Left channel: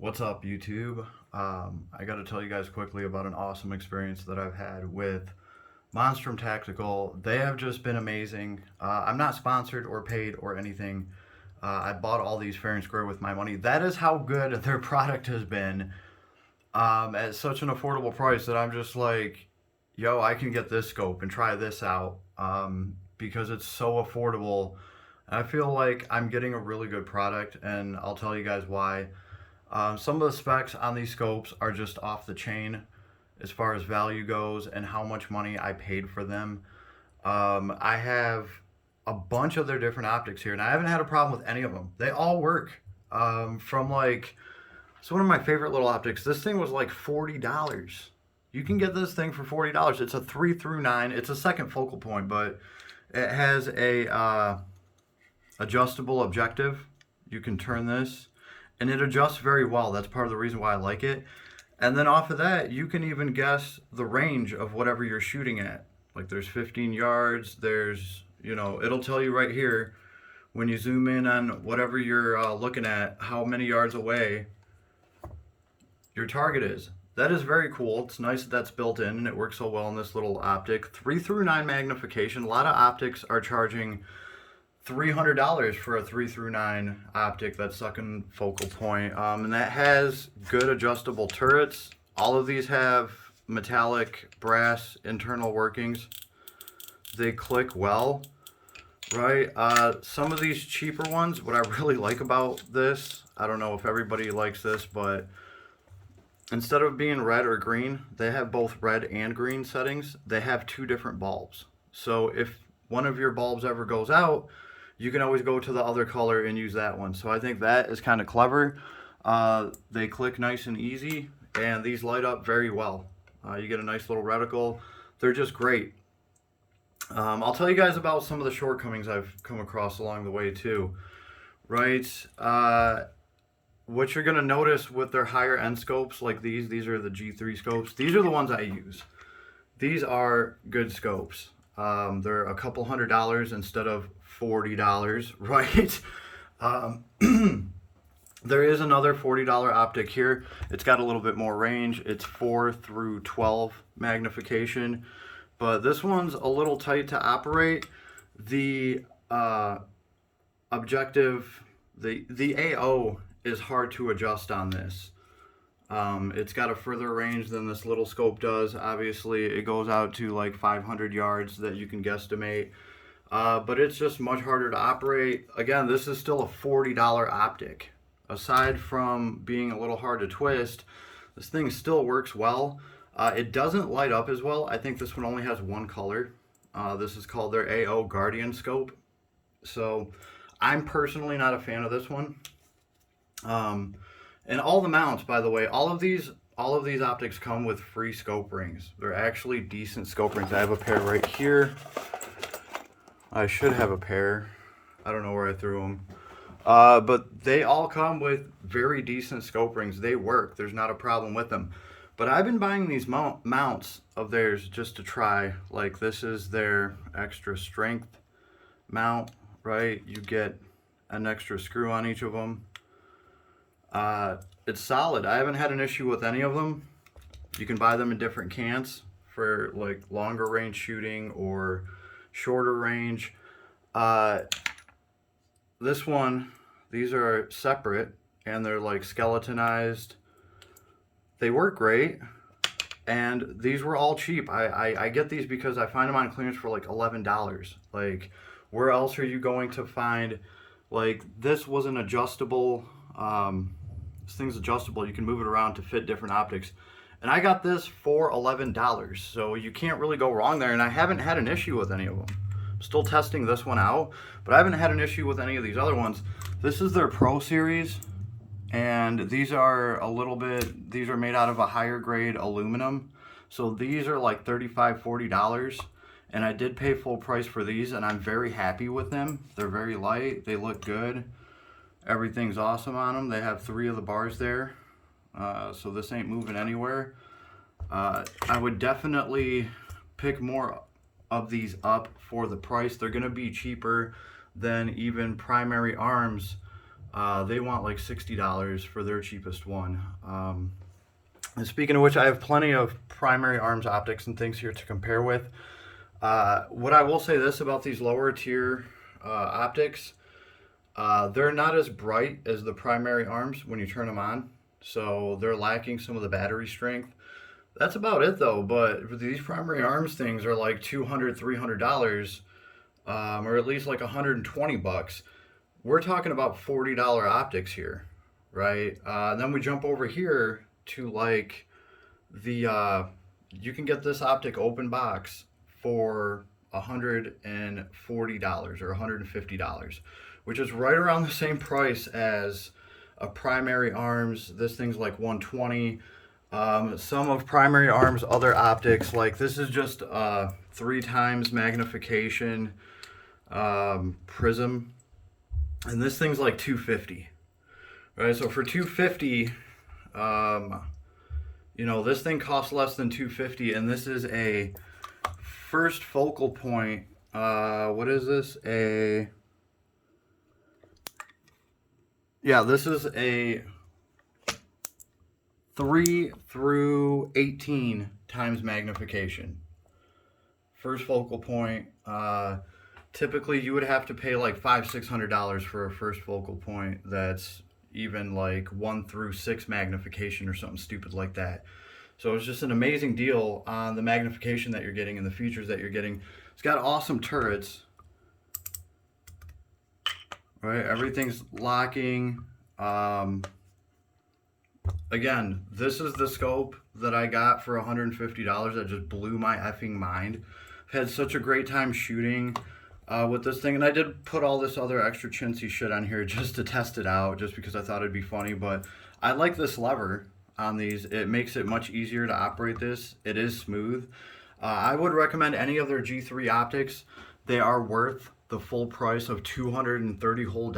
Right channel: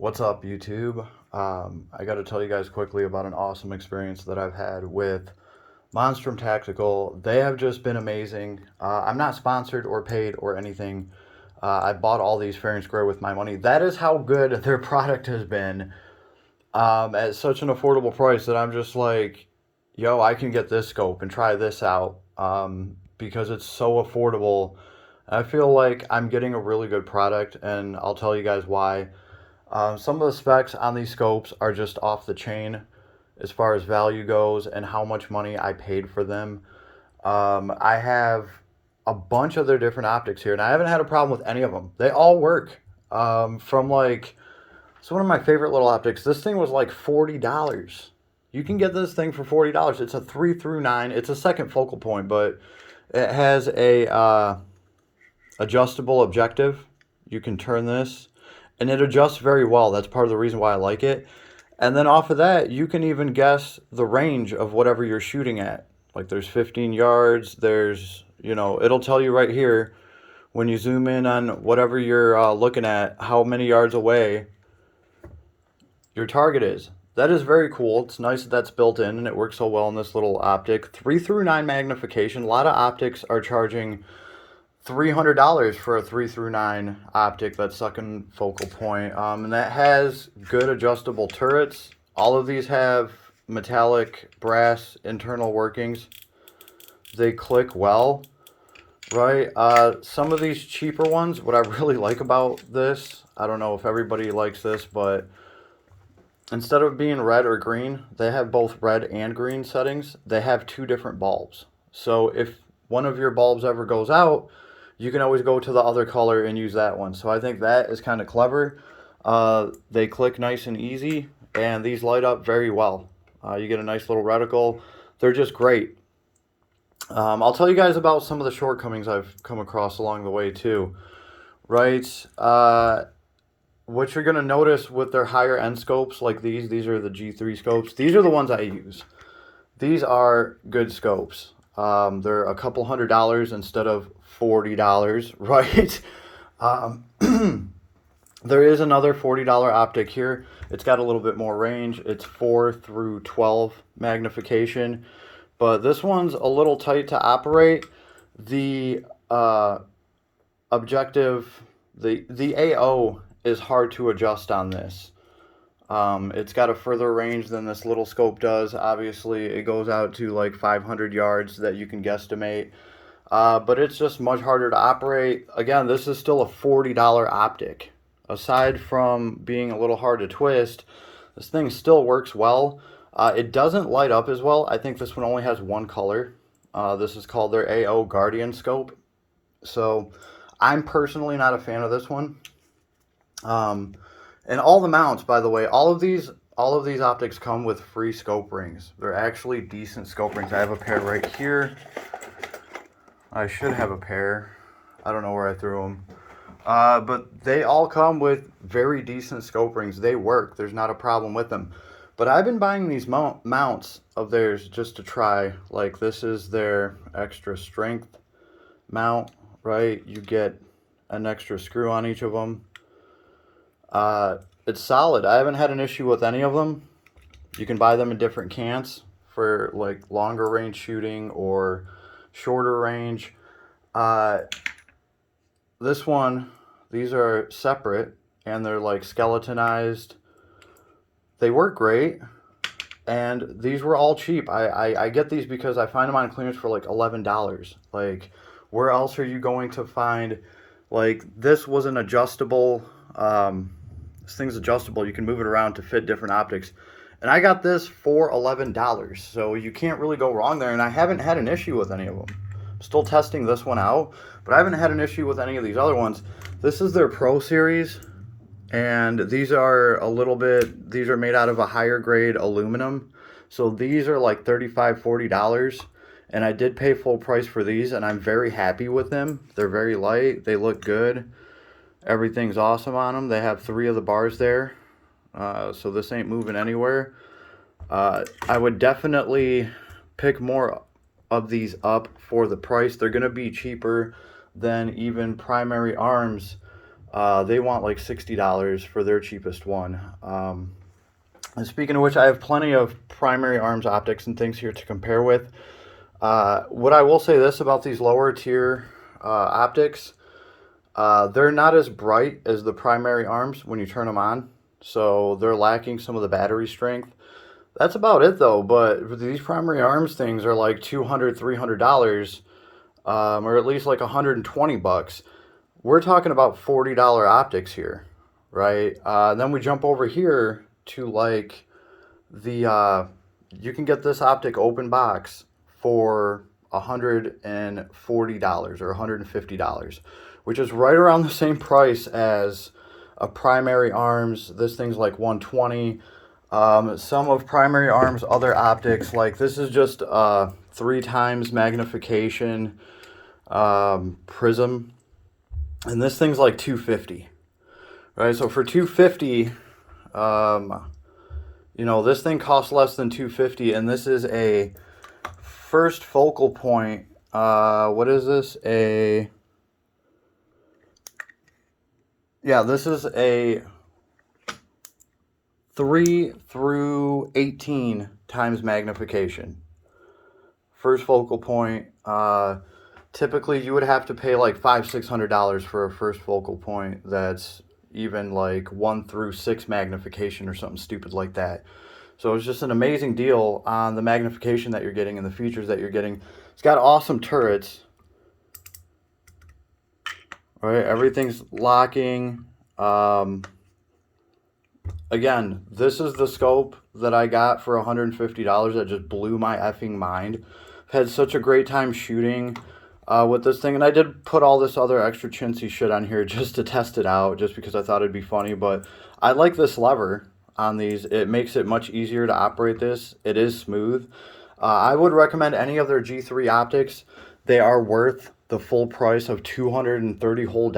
What's up, YouTube? I got to tell you guys quickly about an awesome experience that I've had with Monstrum Tactical. They have just been amazing. I'm not sponsored or paid or anything. I bought all these fair and square with my money. That is how good their product has been at such an affordable price that I'm just like, yo, I can get this scope and try this out because it's so affordable. I feel like I'm getting a really good product, and I'll tell you guys why. Some of the specs on these scopes are just off the chain as far as value goes and how much money I paid for them. I have a bunch of their different optics here, and I haven't had a problem with any of them. They all work. So one of my favorite little optics, this thing was like $40. You can get this thing for $40. It's a 3 through 9. It's a second focal point, but it has a adjustable objective. You can turn this and it adjusts very well. That's part of the reason why I like it. And then off of that, you can even guess the range of whatever you're shooting at. Like there's 15 yards, there's, it'll tell you right here when you zoom in on whatever you're looking at, how many yards away your target is. That is very cool. It's nice that that's built in and it works so well in this little optic. 3 through 9 magnification. A lot of optics are charging $300 for a 3 through 9 optic, that's second focal point. And that has good adjustable turrets. All of these have metallic brass internal workings. They click well, right? Some of these cheaper ones, what I really like about this, I don't know if everybody likes this, but instead of being red or green, they have both red and green settings. They have 2 different bulbs. So if one of your bulbs ever goes out, you can always go to the other color and use that one. So I think that is kind of clever. They click nice and easy, and these light up very well. You get a nice little reticle. They're just great. I'll tell you guys about some of the shortcomings I've come across along the way too. Right? What you're going to notice with their higher end scopes like these are the G3 scopes. These are the ones I use. These are good scopes. They're a couple $100 instead of $40, right? There is another $40 optic here. It's got a little bit more range. It's 4 through 12 magnification, but this one's a little tight to operate. The objective, the AO is hard to adjust on this. It's got a further range than this little scope does. Obviously, it goes out to like 500 yards that you can guesstimate. But it's just much harder to operate. Again, this is still a $40 optic. Aside from being a little hard to twist, this thing still works well. It doesn't light up as well. I think this one only has one color. This is called their AO Guardian scope. So I'm personally not a fan of this one. And all the mounts, by the way, all of these optics come with free scope rings. They're actually decent scope rings. I have a pair right here. I should have a pair. I don't know where I threw them. But they all come with very decent scope rings. They work. There's not a problem with them. But I've been buying these mounts of theirs just to try. Like this is their extra strength mount, right? You get an extra screw on each of them. It's solid. I haven't had an issue with any of them. You can buy them in different cans for like longer range shooting or shorter range. This one, these are separate and they're like skeletonized. They work great, and these were all cheap. I get these because I find them on clearance for like $11. Like, where else are you going to find, like, this was an adjustable, this thing's adjustable. You can move it around to fit different optics. And I got this for $11, so you can't really go wrong there, and I haven't had an issue with any of them. I'm still testing this one out, but I haven't had an issue with any of these other ones. This is their Pro Series, and these are these are made out of a higher grade aluminum. So these are like $35, $40, and I did pay full price for these, and I'm very happy with them. They're very light, they look good. Everything's awesome on them. They have 3 of the bars there. So this ain't moving anywhere. I would definitely pick more of these up for the price. They're going to be cheaper than even Primary Arms They want like $60 for their cheapest one. And speaking of which, I have plenty of primary arms optics and things here to compare with. What I will say this about these lower tier optics, they're not as bright as the primary arms when you turn them on. So they're lacking some of the battery strength. That's about it though, but these primary arms things are like $200, $300, or at least like 120 bucks. We're talking about $40 optics here, right? Then we jump over here to like you can get this optic open box for $140 or $150, which is right around the same price as a primary arms. This thing's like 120. Some of primary arms other optics, like this is just 3 times magnification prism, and this thing's like 250, right? So for 250, you know, this thing costs less than 250, and this is a first focal point. What is this? This is a 3 through 18 times magnification. First focal point. Typically, you would have to pay like $500-$600 for a first focal point that's even like 1 through 6 magnification or something stupid like that. So it's just an amazing deal on the magnification that you're getting and the features that you're getting. It's got awesome turrets. All right, everything's locking. Again, this is the scope that I got for $150 that just blew my effing mind. I've had such a great time shooting with this thing, and I did put all this other extra chintzy shit on here just to test it out, just because I thought it'd be funny. But I like this lever on these. It makes it much easier to operate this. It is smooth. I would recommend any of their G3 optics. They are worth the full price of $230 whole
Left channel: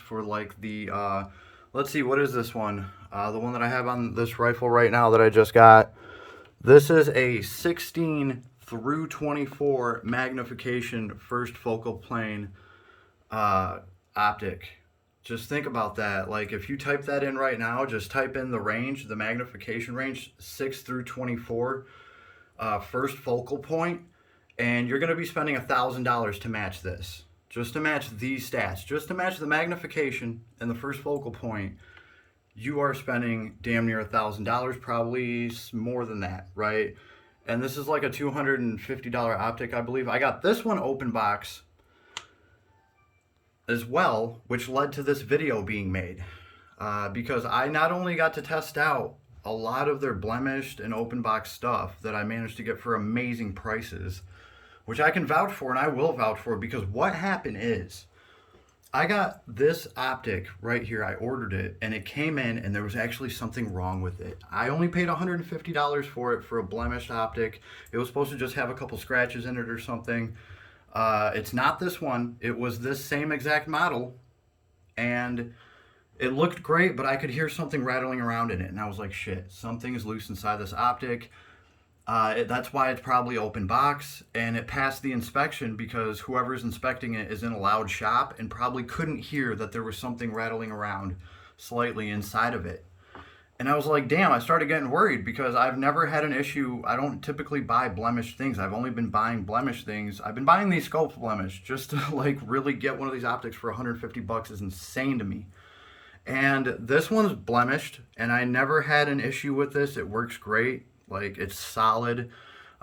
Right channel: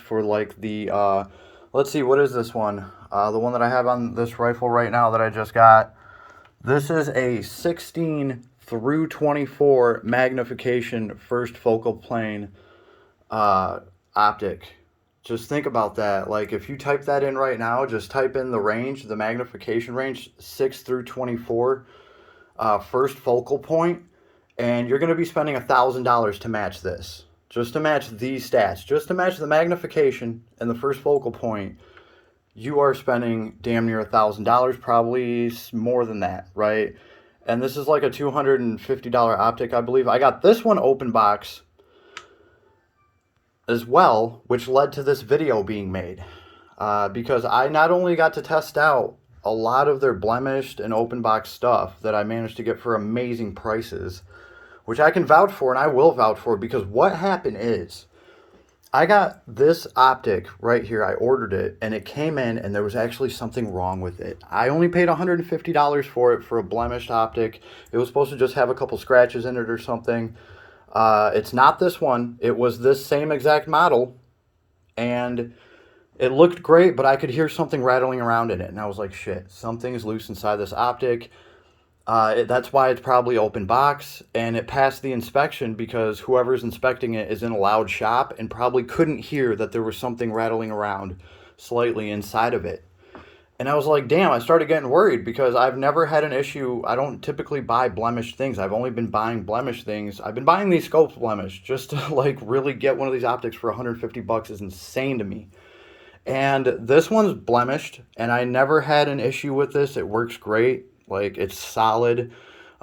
for like the let's see, what is this one? The one that I have on this rifle right now that I just got. This is a 16 through 24 magnification first focal plane optic. Just think about that. Like if you type that in right now, just type in the range, the magnification range, 6 through 24 first focal point, and you're going to be spending $1,000 to match this. Just to match these stats, just to match the magnification and the first focal point, you are spending damn near $1,000, probably more than that, right? And this is like a $250 optic, I believe. I got this one open box as well, which led to this video being made. Because I not only got to test out a lot of their blemished and open box stuff that I managed to get for amazing prices, which I can vouch for, and I will vouch for, because what happened is I got this optic right here. I ordered it, and it came in, and there was actually something wrong with it. I only paid $150 for it for a blemished optic. It was supposed to just have a couple scratches in it or something. It's not this one. It was this same exact model, and it looked great, but I could hear something rattling around in it, and I was like, shit, something's loose inside this optic. That's why it's probably open box, and it passed the inspection because whoever's inspecting it is in a loud shop and probably couldn't hear that there was something rattling around slightly inside of it. And I was like, damn, I started getting worried because I've never had an issue. I don't typically buy blemished things. I've only been buying blemished things. I've been buying these scopes blemished just to like really get one of these optics for 150 bucks is insane to me. And this one's blemished, and I never had an issue with this. It works great. Like, it's solid.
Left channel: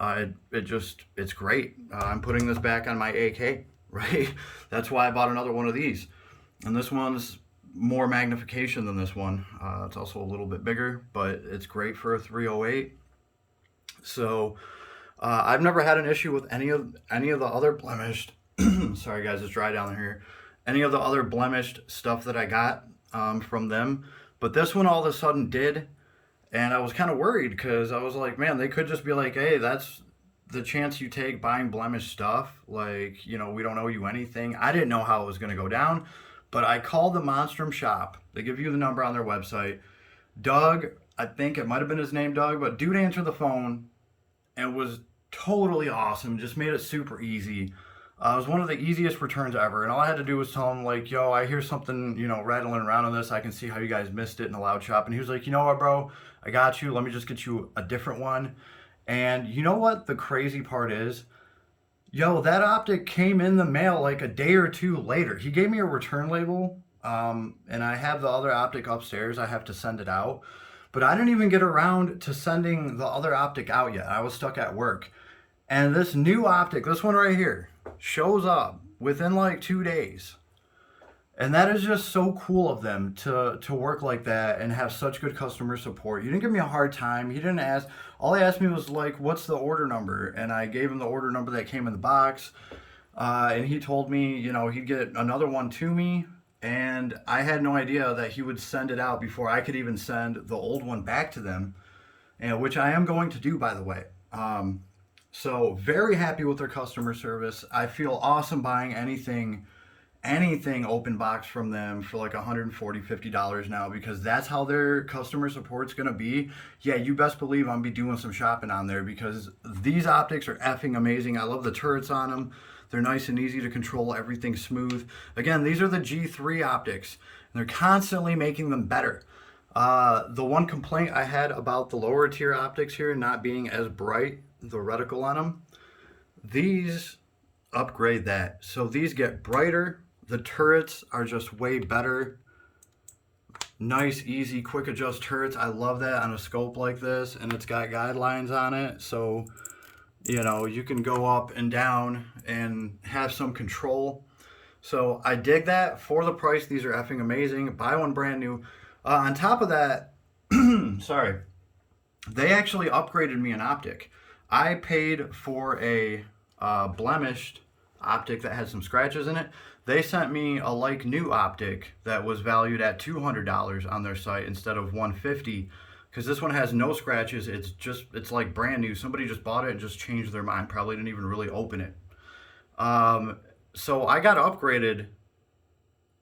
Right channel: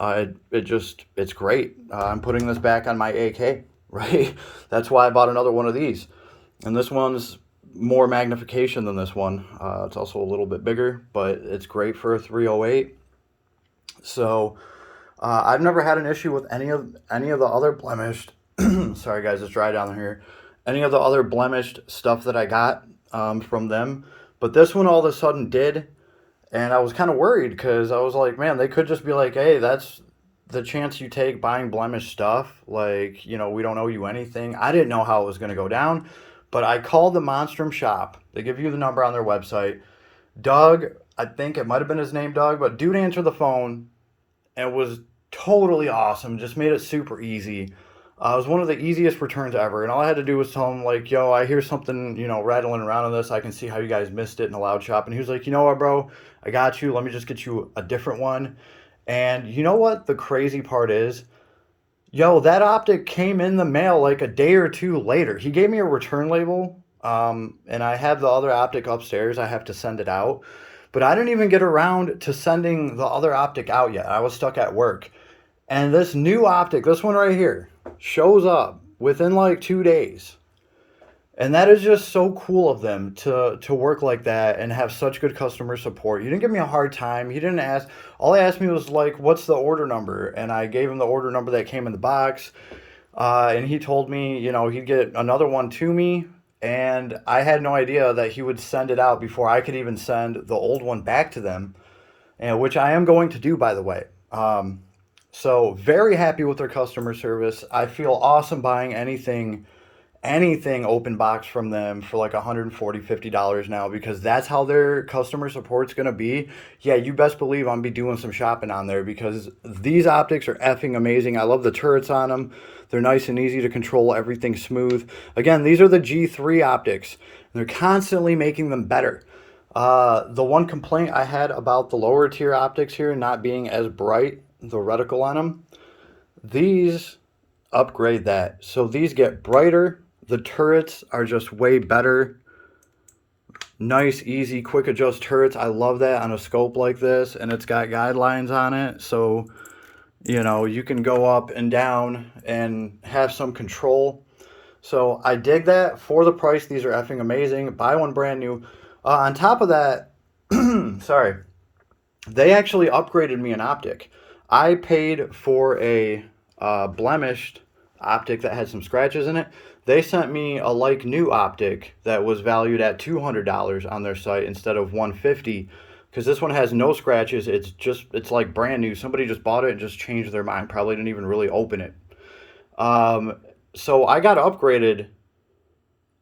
It's great. I'm putting this back on my AK, right? That's why I bought another one of these. And this one's more magnification than this one. It's also a little bit bigger, but it's great for a 308. So, I've never had an issue with any of the other blemished, sorry guys, it's dry down here. Any of the other blemished stuff that I got from them. But this one all of a sudden did. And I was kind of worried because I was like, man, they could just be like, hey, that's the chance you take buying blemished stuff. Like, you know, we don't owe you anything. I didn't know how it was going to go down, but I called the Monstrum shop. They give you the number on their website. Doug, I think it might have been his name, Doug, but dude answered the phone and was totally awesome. Just made it super easy. It was one of the easiest returns ever, and all I had to do was tell him, like, yo, I hear something, rattling around on this. I can see how you guys missed it in the loud shop. And he was like, you know what, bro? I got you. Let me just get you a different one. And you know what the crazy part is? Yo, that optic came in the mail like a day or two later. He gave me a return label, and I have the other optic upstairs. I have to send it out. But I didn't even get around to sending the other optic out yet. I was stuck at work. And this new optic, this one right here, shows up within like 2 days. And that is just so cool of them to work like that and have such good customer support. You didn't give me a hard time. He didn't ask. All he asked me was like, "What's the order number?" And I gave him the order number that came in the box. And he told me, he'd get another one to me. And I had no idea that he would send it out before I could even send the old one back to them, and which I am going to do, by the way. So very happy with their customer service. I feel awesome buying anything open box from them for like $140-$50 now, because that's how their customer support's gonna be. Yeah, you best believe I'm be doing some shopping on there, because these optics are effing amazing. I love the turrets on them. They're nice and easy to control, everything's smooth. Again, these are the G3 optics, and they're constantly making them better. The one complaint I had about the lower tier optics here not being as bright, the reticle on them, these upgrade that. So these get brighter. The turrets are just way better. Nice, easy, quick adjust turrets. I love that on a scope like this, and it's got guidelines on it. So, you can go up and down and have some control. So I dig that. For the price, these are effing amazing. Buy one brand new. On top of that, sorry, they actually upgraded me an optic. I paid for a blemished optic that had some scratches in it. They sent me a like new optic that was valued at $200 on their site instead of $150, because this one has no scratches. It's like brand new. Somebody just bought it and just changed their mind. Probably didn't even really open it. So I got upgraded,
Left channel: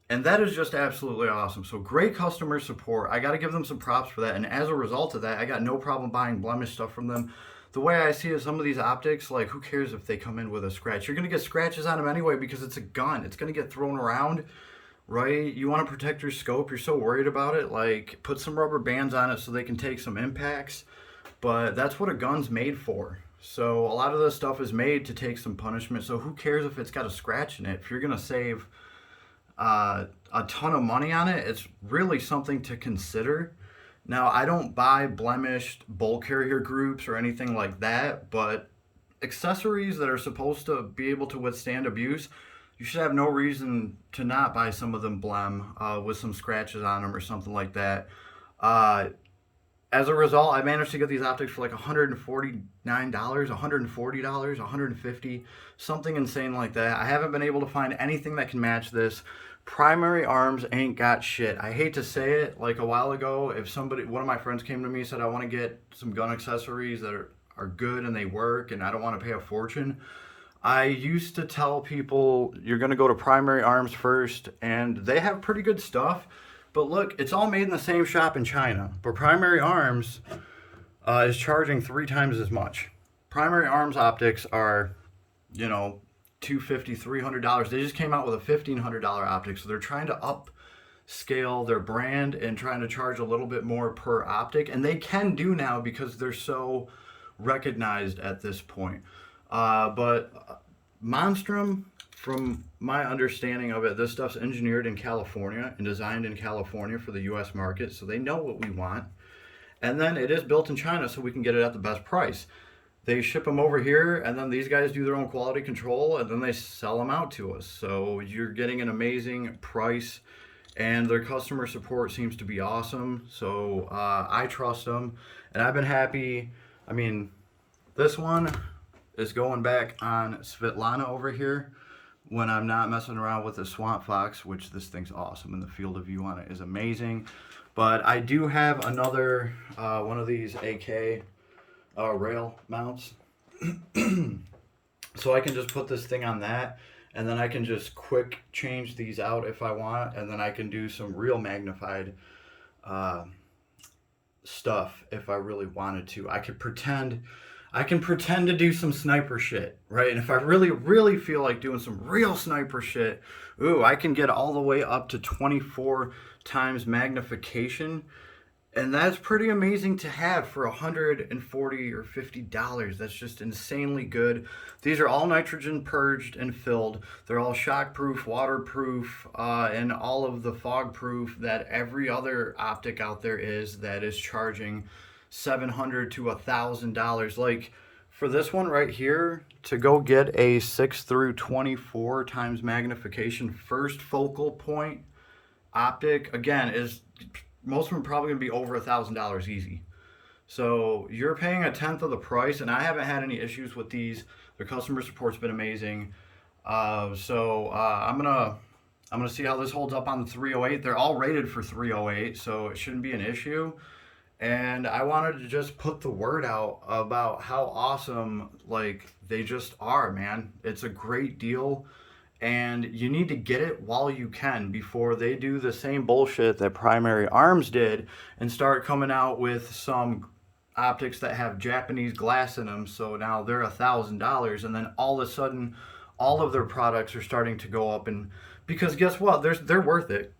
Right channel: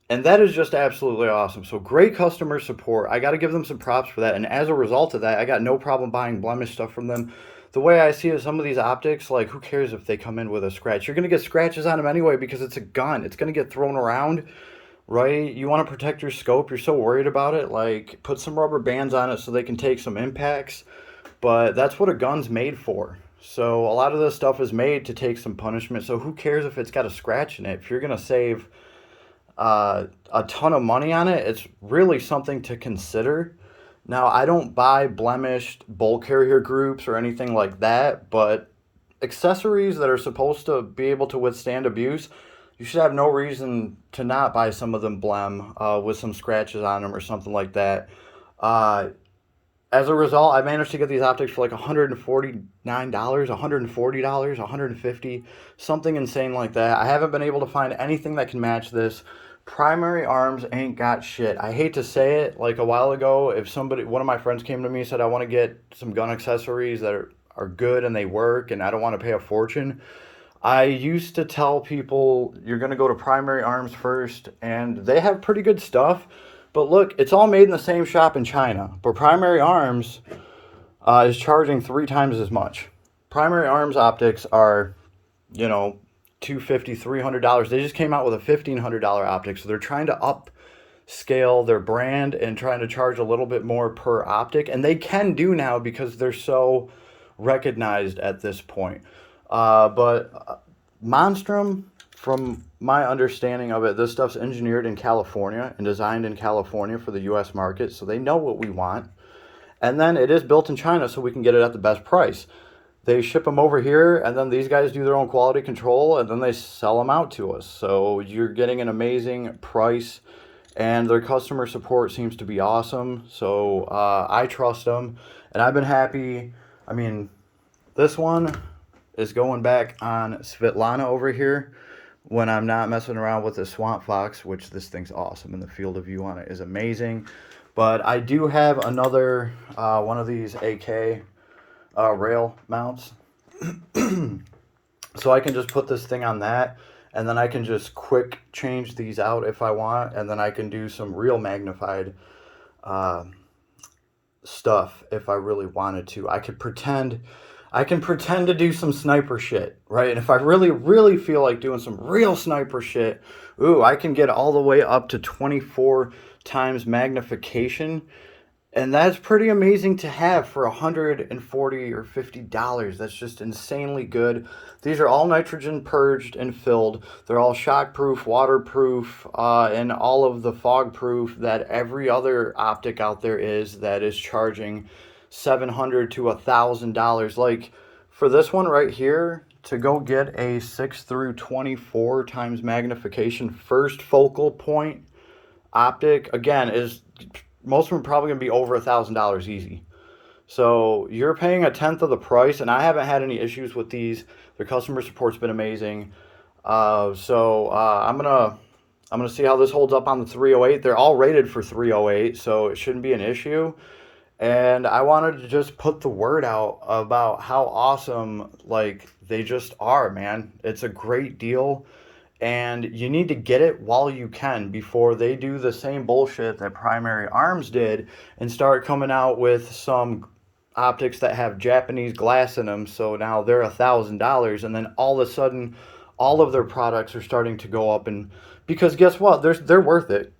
and that is just absolutely awesome. So great customer support. I got to give them some props for that. And as a result of that, I got no problem buying blemish stuff from them. The way I see it, some of these optics, like, who cares if they come in with a scratch? You're going to get scratches on them anyway, because it's a gun. It's going to get thrown around, right? You want to protect your scope. You're so worried about it. Like, put some rubber bands on it so they can take some impacts. But that's what a gun's made for. So a lot of this stuff is made to take some punishment. So who cares if it's got a scratch in it? If you're going to save a ton of money on it, it's really something to consider. Now, I don't buy blemished bolt carrier groups or anything like that, but accessories that are supposed to be able to withstand abuse, you should have no reason to not buy some of them with some scratches on them or something like that. As a result, I managed to get these optics for like $149, $140, $150, something insane like that. I haven't been able to find anything that can match this. Primary Arms ain't got shit. I hate to say it. Like a while ago, if one of my friends came to me and said, I want to get some gun accessories that are good and they work and I don't want to pay a fortune, I used to tell people, you're going to go to Primary Arms first, and they have pretty good stuff. But look, it's all made in the same shop in China. But Primary Arms is charging 3 times as much. Primary Arms optics are, $250, $300. They just came out with a $1,500 optic, so they're trying to upscale their brand and trying to charge a little bit more per optic, and they can do now because they're so recognized at this point. But Monstrum, from my understanding of it, this stuff's engineered in California and designed in California for the U.S. market, so they know what we want. And then it is built in China, so we can get it at the best price. They ship them over here, and then these guys do their own quality control, and then they sell them out to us. So you're getting an amazing price, and their customer support seems to be awesome. So I trust them, and I've been happy. I mean, this one is going back on Svetlana over here when I'm not messing around with the Swamp Fox, which this thing's awesome, and the field of view on it is amazing. But I do have another one of these AK rail mounts, so I can just put this thing on that, and then I can just quick change these out if I want, and then I can do some real magnified stuff if I really wanted to. I could pretend I can pretend to do some sniper shit, right? And if I really, really feel like doing some real sniper shit, ooh, I can get all the way up to 24 times magnification. And that's pretty amazing to have for $140 or $50. That's just insanely good. These are all nitrogen purged and filled. They're all shockproof, waterproof, and all of the fog proof that every other optic out there is that is charging $700 to $1,000. Like for this one right here, to go get a 6 through 24 times magnification first focal point optic, again, is most of them are probably going to be over $1,000 easy. So you're paying a tenth of the price, and I haven't had any issues with these. Their customer support's been amazing. I'm gonna see how this holds up on the 308. They're all rated for 308, so it shouldn't be an issue. And I wanted to just put the word out about how awesome like they just are, man. It's a great deal. And you need to get it while you can before they do the same bullshit that Primary Arms did and start coming out with some optics that have Japanese glass in them. So now they're $1,000, and then all of a sudden, all of their products are starting to go up. And because guess what? They're worth it.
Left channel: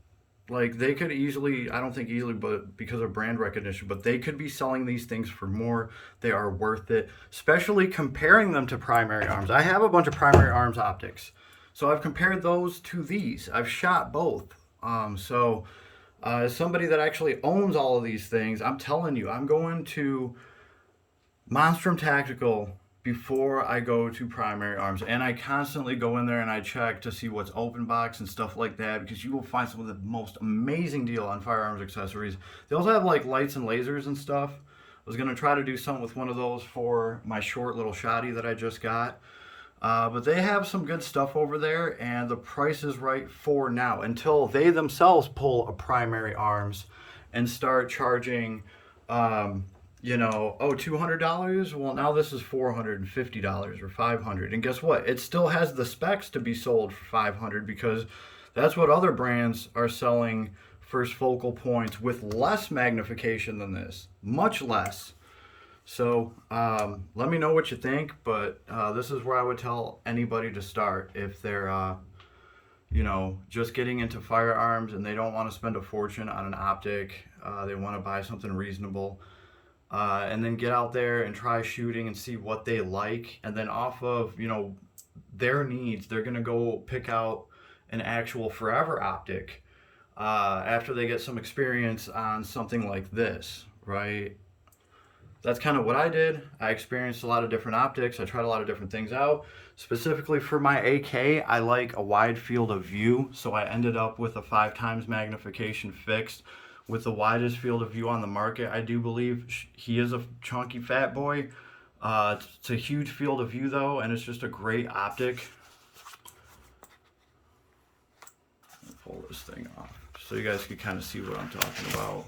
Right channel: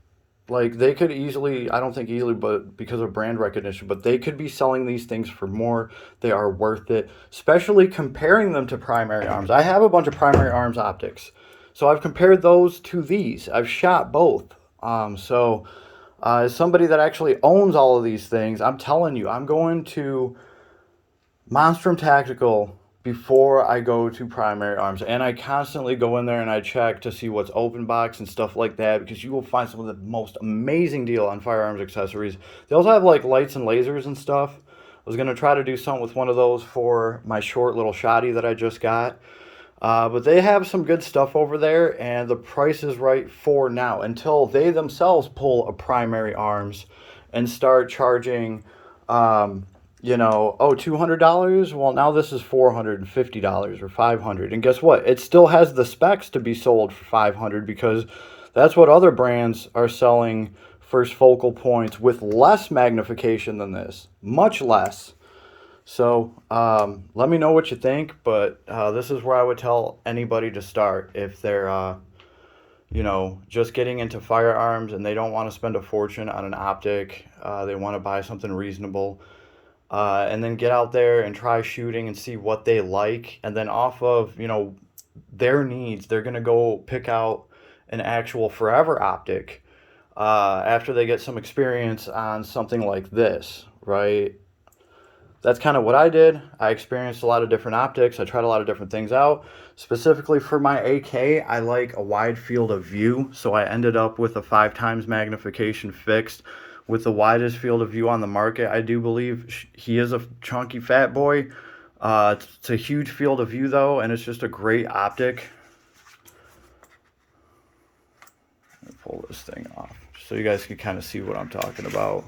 Like they could easily, I don't think easily, but because of brand recognition, but they could be selling these things for more. They are worth it, especially comparing them to Primary Arms. I have a bunch of Primary Arms optics. So I've compared those to these. I've shot both. As somebody that actually owns all of these things, I'm telling you, I'm going to Monstrum Tactical before I go to Primary Arms. And I constantly go in there and I check to see what's open box and stuff like that, because you will find some of the most amazing deal on firearms accessories. They also have like lights and lasers and stuff. I was going to try to do something with one of those for my short little shotty that I just got. But they have some good stuff over there, and the price is right for now until they themselves pull a Primary Arms and start charging, $200. Well, now this is $450 or $500, and guess what? It still has the specs to be sold for $500 because that's what other brands are selling first focal points with less magnification than this, much less. So let me know what you think, but this is where I would tell anybody to start if they're, just getting into firearms and they don't want to spend a fortune on an optic. They want to buy something reasonable, and then get out there and try shooting and see what they like. And then off of, their needs, they're going to go pick out an actual forever optic after they get some experience on something like this, right? That's kind of what I did. I experienced a lot of different optics. I tried a lot of different things out. Specifically for my AK, I like a wide field of view. So I ended up with a 5 times magnification fixed with the widest field of view on the market. I do believe he is a chunky fat boy. It's a huge field of view though, and it's just a great optic. Let me pull this thing off so you guys can kind of see what I'm talking about.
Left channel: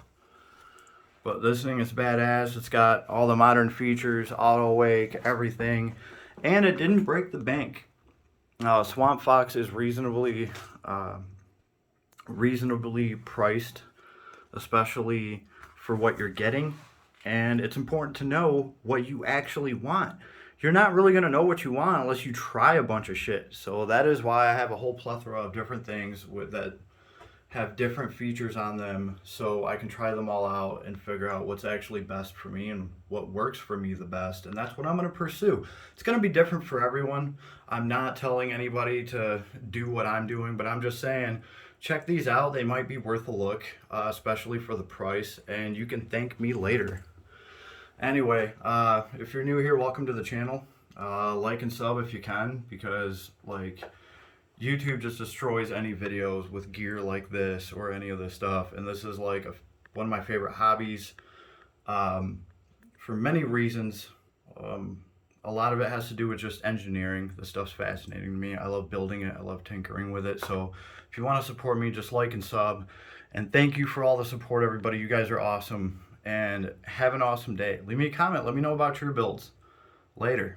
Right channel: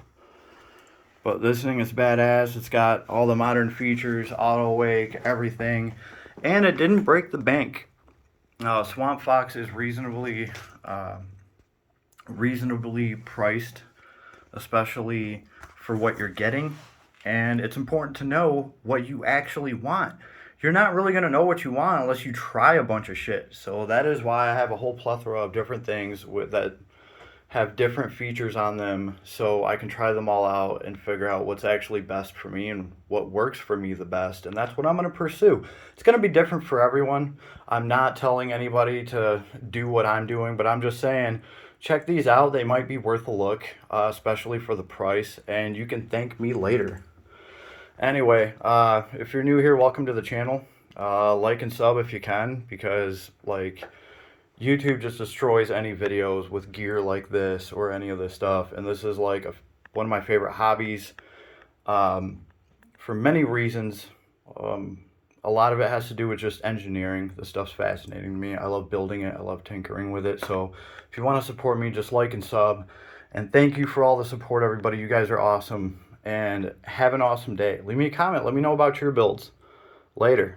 But this thing is badass. It's got all the modern features, auto wake, everything. And it didn't break the bank. Swamp Fox is reasonably priced, especially for what you're getting. And it's important to know what you actually want. You're not really going to know what you want unless you try a bunch of shit. So that is why I have a whole plethora of different things that have different features on them, so I can try them all out and figure out what's actually best for me and what works for me the best. And that's what I'm going to pursue. It's going to be different for everyone. I'm not telling anybody to do what I'm doing, but I'm just saying, check these out. They might be worth a look, especially for the price, and you can thank me later. Anyway, if you're new here, welcome to the channel. Like and sub if you can, because YouTube just destroys any videos with gear like this or any of this stuff. And this is like one of my favorite hobbies for many reasons. A lot of it has to do with just engineering. This stuff's fascinating to me. I love building it. I love tinkering with it. So if you want to support me, just like and sub. And thank you for all the support, everybody. You guys are awesome. And have an awesome day. Leave me a comment. Let me know about your builds. Later.